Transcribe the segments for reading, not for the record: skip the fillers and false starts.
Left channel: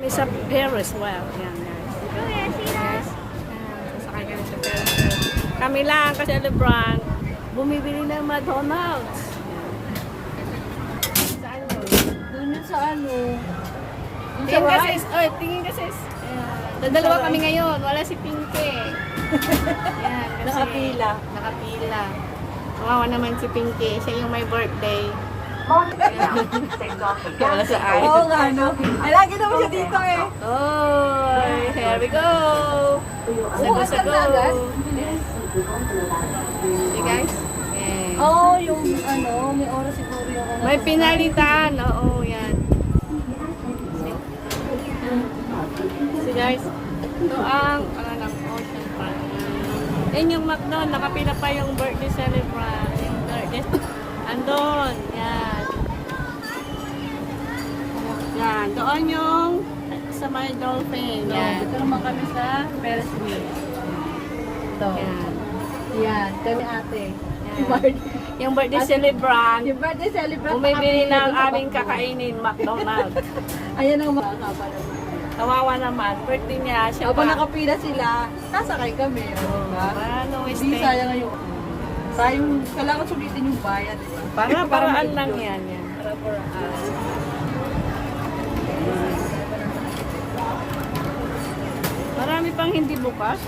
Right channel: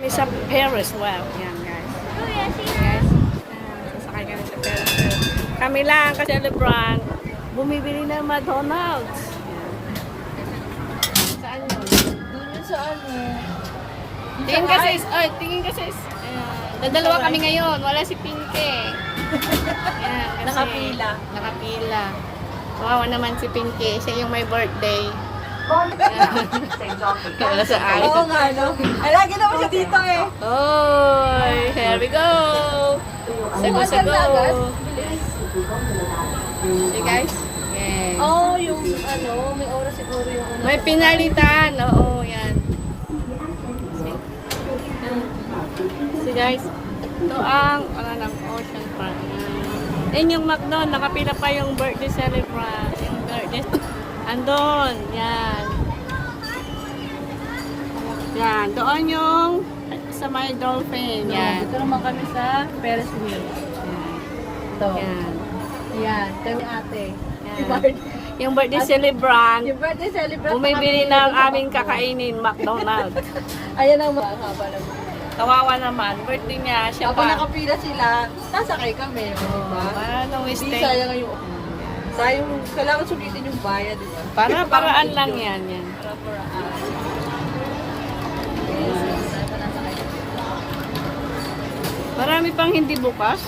May sa Paris. Wow. Yan, guys. Guys. Sasakay kami sa Paris. Kami lang ka-celebrant. Bumibili ng McDonald's. Yan. Saan yun? Doon sa ano. Tingin ka sis. Oy, tingin ka sis. Dadalawa kami ngayon. Wala si Pinky. Yan, kasi Nakapila. Nakapila. Kawawa naman si Pinky. Siya yung may birthday. Wala sa ay. Oo nga, no? Ay, lagi naman siya dito eh. Oh, here we go. Sago-sago. Yes. See guys? Yes. Oo, yung ano, may oras siguro yung ano. May pinalitan. Oo, yan. See guys? Ito ang Ocean Park. Yan yung McDo. Nakapila pa yung birthday celebrant. Yung birthday. Andun. Yan. Yan. Doon yung sa may dolphin. Yan. Ito naman kami sa Ferris wheel. Ito. Yan. Ayan, kami ate. Yan. Yung birthday celebrant. Yung birthday celebrant. Bumibili ng aming kakainin, McDonald's. Ayan ang makakaba na. Kawawa naman. Birthday niya, siya Habang pa. nakapila sila, sasakay kami. Paano Hindi stay? sayang ngayon. Sayang, kailangan sulitin yung bayad, di ba? Paraan lang yan. Yan. Marami pang hindi bukas.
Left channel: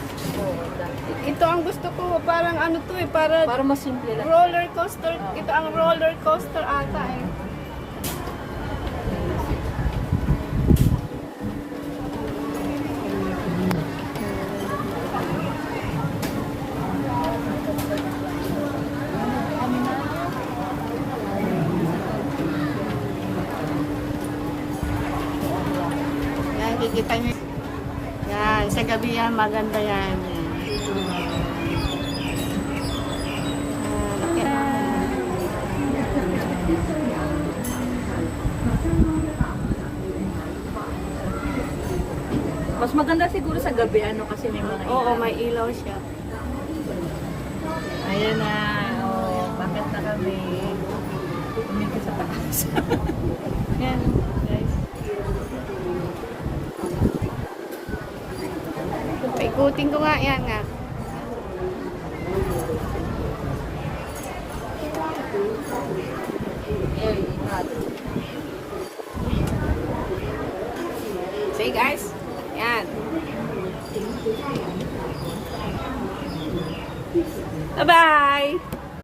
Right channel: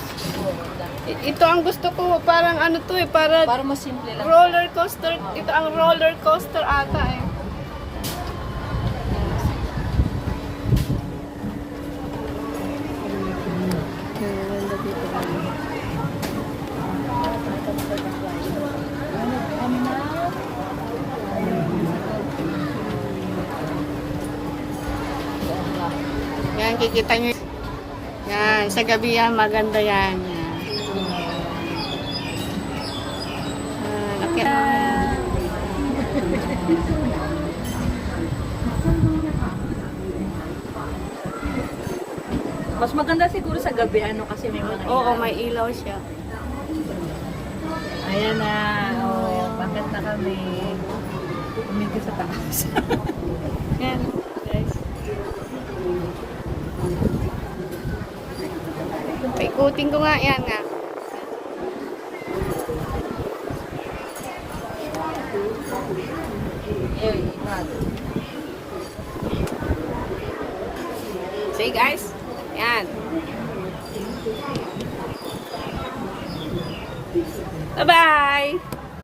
Ito ang gusto ko, parang ano to eh, para Mas simple lang. roller coaster. Ito ang roller coaster ata eh. Yan, kikita nyo. Yan, sa gabi yan, maganda yan. Yan. Laki. Mas maganda siguro sa gabi, ano, kasi may mga Oo, may ilaw siya. Ayan na. Oh, maganda na kami. Dito sa taas. Yan. Yes. Paikutin ko nga yan nga. See guys? Yan. Bye-bye!